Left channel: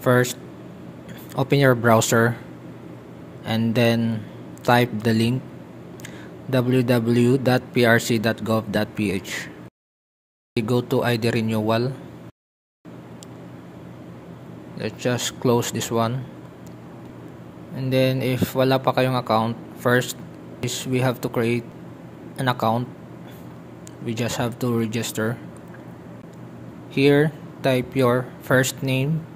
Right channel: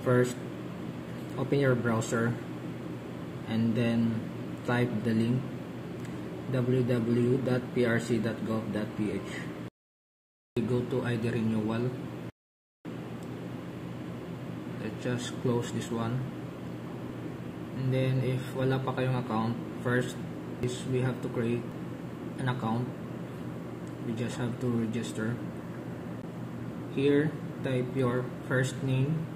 First, open your browser and then type the link www.prc.gov.ph. Go to ID renewal. Let's just close this one. And then if wala pa kayong account, first is we have to create an account. We just have to register. Here, type your first name,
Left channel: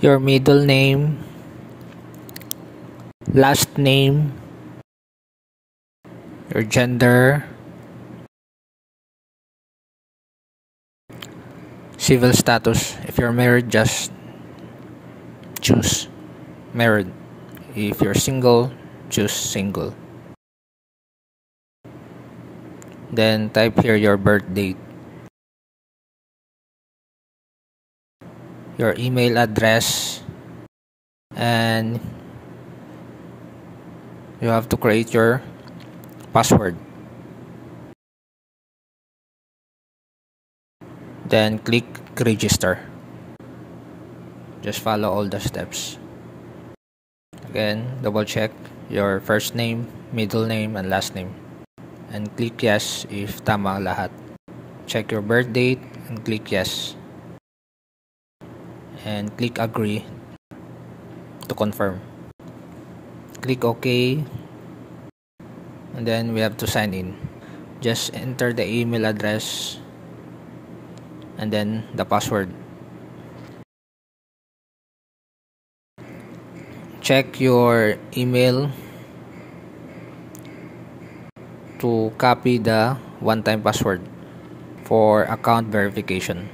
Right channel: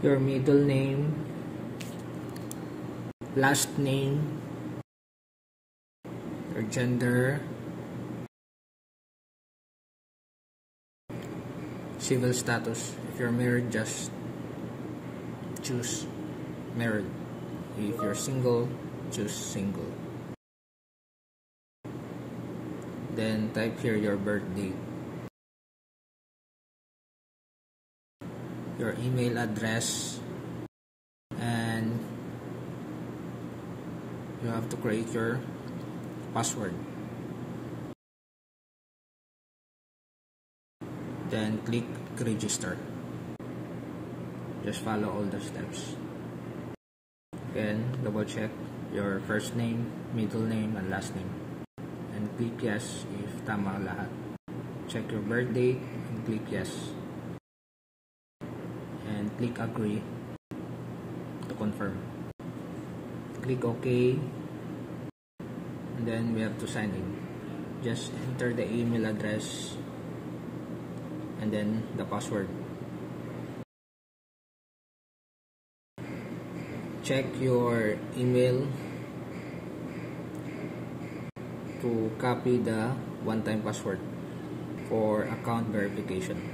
your middle name, last name, your gender, civil status. If you're married, just choose married. If you're single, choose single. Then type here your birth date, your email address, and you have to create your password. Then click register. Just follow all the steps. Again, double check your first name, middle name, and last name. And click yes if tama lahat. Check your birth date and click yes. And click agree to confirm. Click OK. And then we have to sign in. Just enter the email address and then the password. Check your email to copy the one-time password for account verification.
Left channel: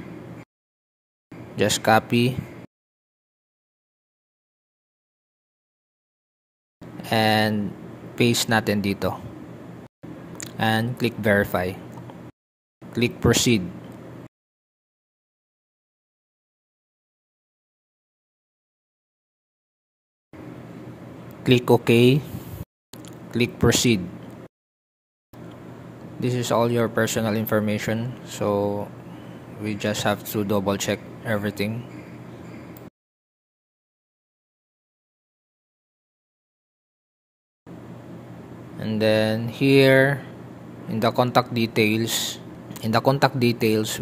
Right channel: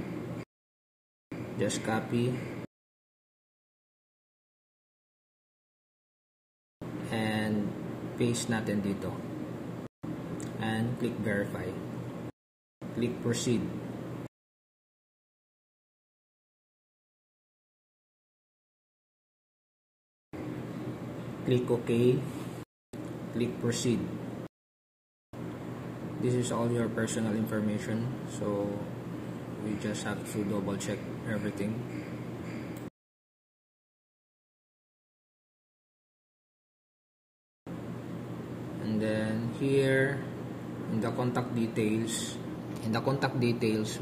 Just copy and paste natin dito and click verify. Click proceed. Click OK. Click proceed. This is all your personal information, so we just have to double check everything. And then here in the contact details,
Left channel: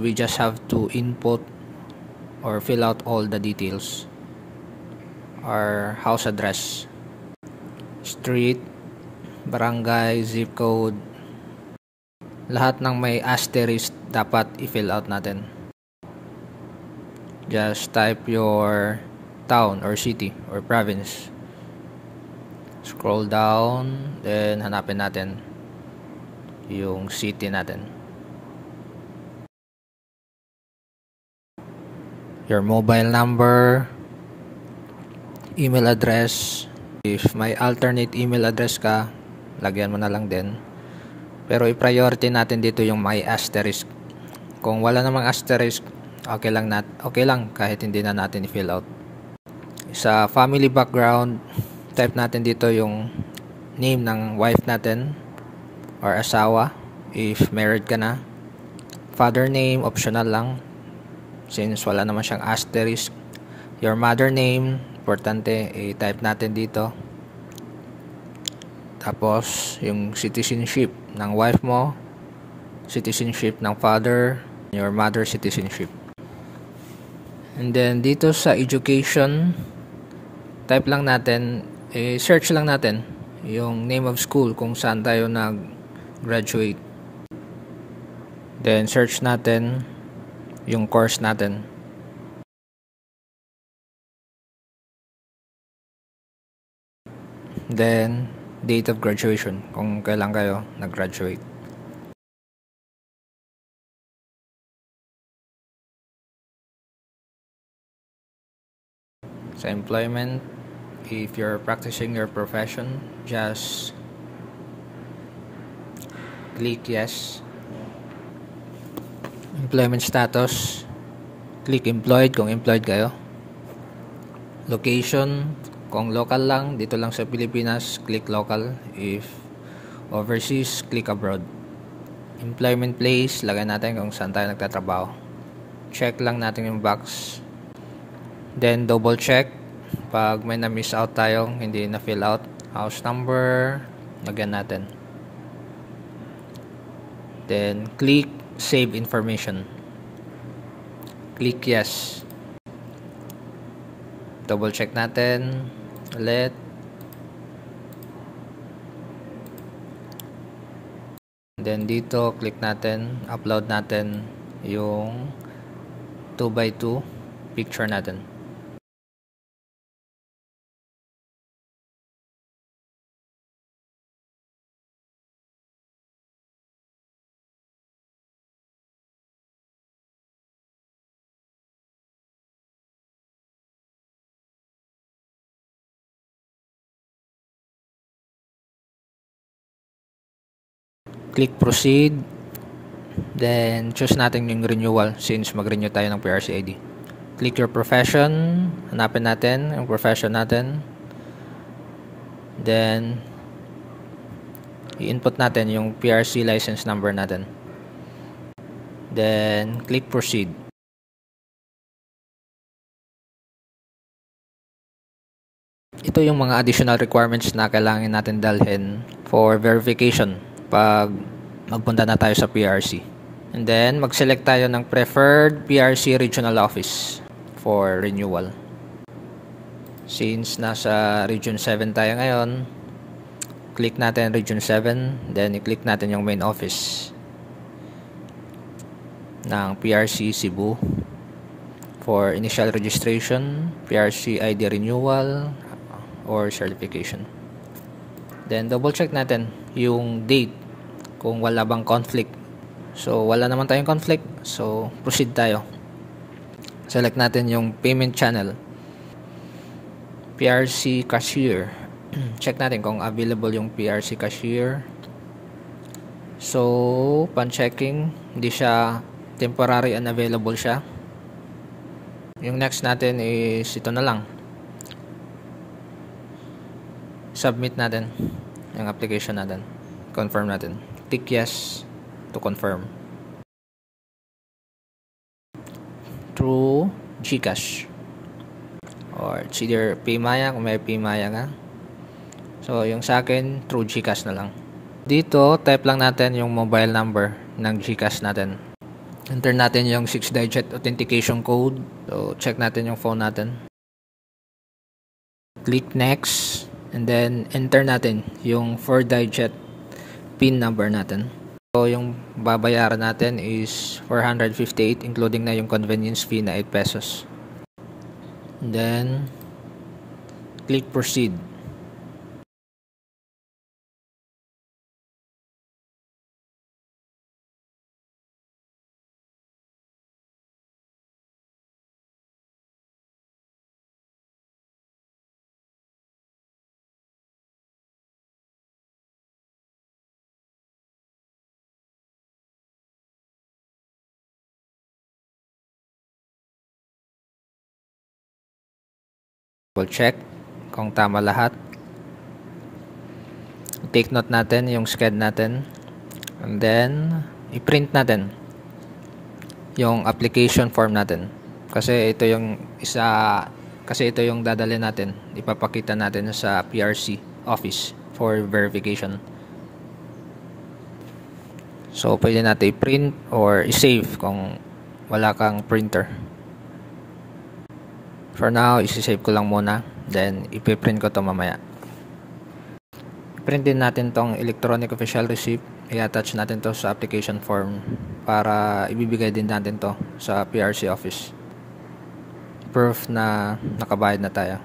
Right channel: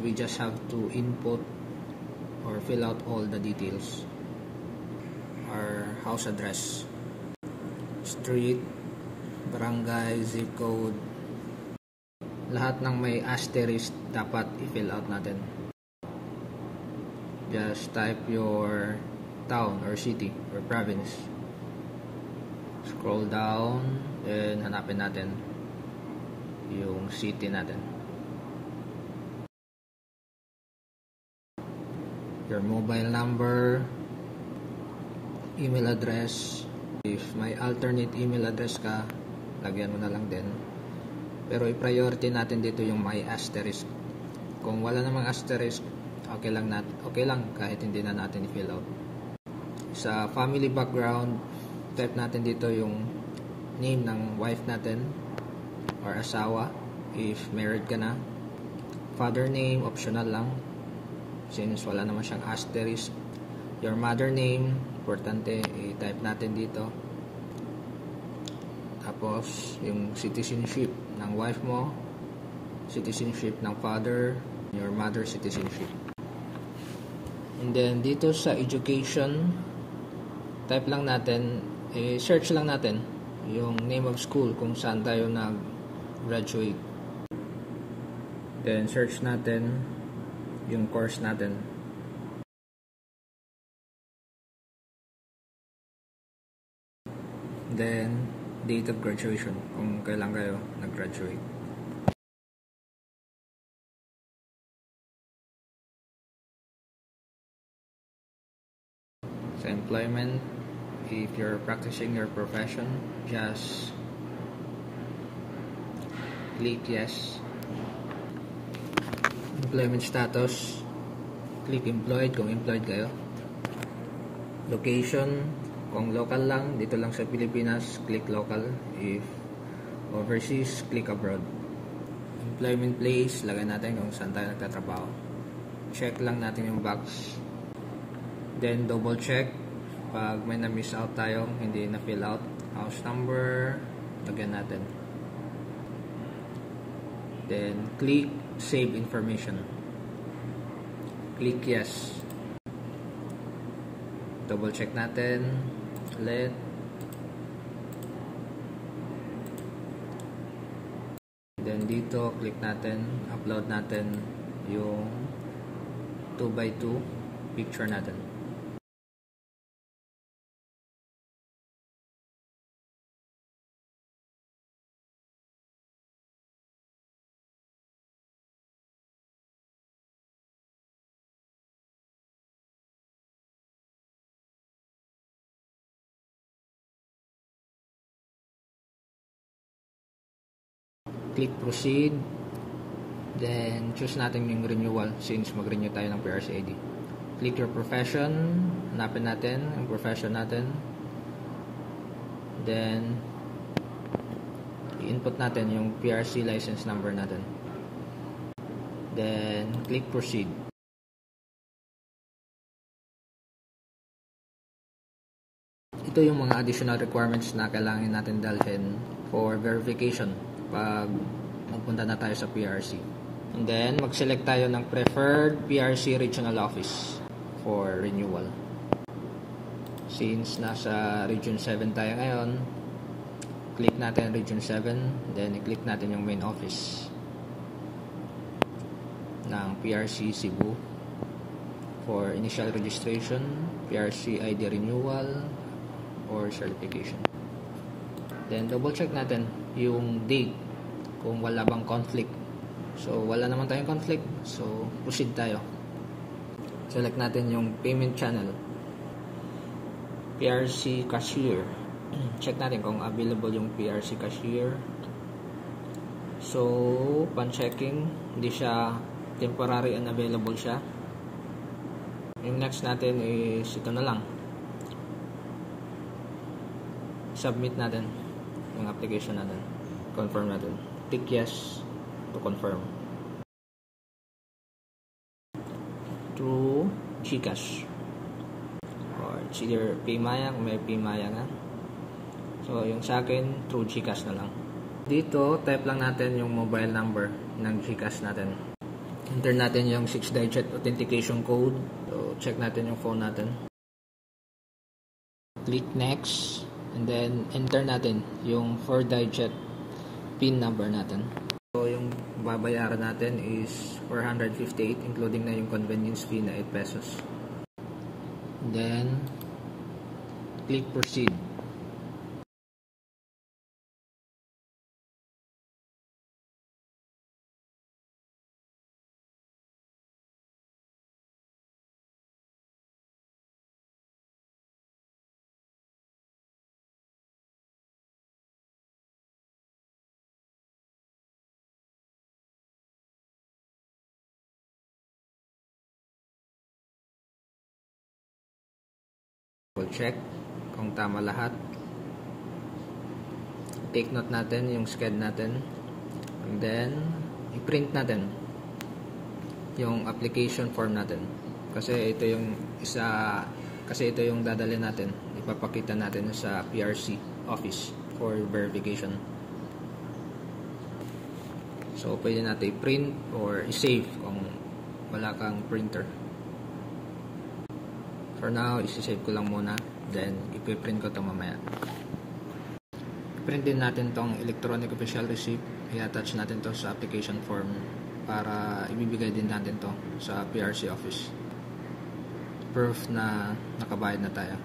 we just have to input or fill out all the details. Our house address, street, barangay, zip code, lahat ng may asterisk dapat i-fill out natin. Just type your town or city or province. Scroll down, then hanapin natin yung city natin. Your mobile number, email address. If may alternate email address ka, lagyan mo na lang din. Pero i-priority natin dito yung may asterisk. Kung wala namang asterisk, okay lang kahit hindi na natin i-fill out. Sa family background, type natin dito yung name ng wife natin or asawa if married ka na. Father name, optional lang since wala naman siyang asterisk. Your mother name, importante i-type natin dito. Tapos yung citizenship ng wife mo, citizenship ng father, your mother citizenship. And then dito sa education, type lang natin, search lang natin yung name of school kung saan tayo nag-graduate. Then search natin yung course natin. Then date of graduation, kung kailan kayo nag-graduate. Sa employment, if you're practicing your profession, just click yes. Employment status, click employed kung employed kayo. Location, kung local lang, dito lang sa Pilipinas, click local. If overseas, click abroad. Employment place, lagay natin kung saan tayo nagtatrabaho. Check lang natin yung box. Then double check pag may na-miss out tayong hindi na fill out. House number, lagyan natin. Then click save information. Click yes. Double check natin ulit. Then dito click natin, upload natin yung 2x2 picture natin. Click proceed. Then choose natin yung renewal since mag-renew tayo ng PRC ID. Click your profession. Hanapin natin yung profession natin. Then i-input natin yung PRC license number natin. Then click proceed. Ito yung mga additional requirements na kailangan natin dalhin for verification pag magpunta na tayo sa PRC. And then mag-select tayo ng preferred PRC regional office for renewal. Since nasa region 7 tayo ngayon, click natin region 7, then i-click natin yung main office ng PRC Cebu for initial registration, PRC ID renewal or certification. Then double check natin yung date kung wala bang conflict. So wala naman tayong conflict, so proceed tayo. Select natin yung payment channel, PRC cashier. Check natin kung available yung PRC cashier. So pan checking, hindi siya temporary unavailable siya. Yung next natin is ito na lang, submit natin yung application natin, confirm natin, tick yes to confirm through GCash or it's either PayMaya kung may PayMaya nga. So yung sa akin through GCash na lang. Dito type lang natin yung mobile number ng GCash natin, enter natin yung 6-digit authentication code. So check natin yung phone natin, click next. And then enter natin yung 4-digit PIN number natin. So yung babayaran natin is 458 including na yung convenience fee na 8 pesos. And then click proceed. Double check kung tama lahat. Take note natin yung sched natin. And then i-print natin yung application form natin. Kasi ito yung dadalhin natin. Ipapakita natin sa PRC office for verification. So pwede natin i-print or i-save kung wala kang printer. For now, isi-save ko lang muna. Then, ipiprint ko to mamaya. Print din natin tong electronic official receipt. I-attach natin to sa application form para ibibigay din natin to sa PRC office. Proof na nakabayad na tayo.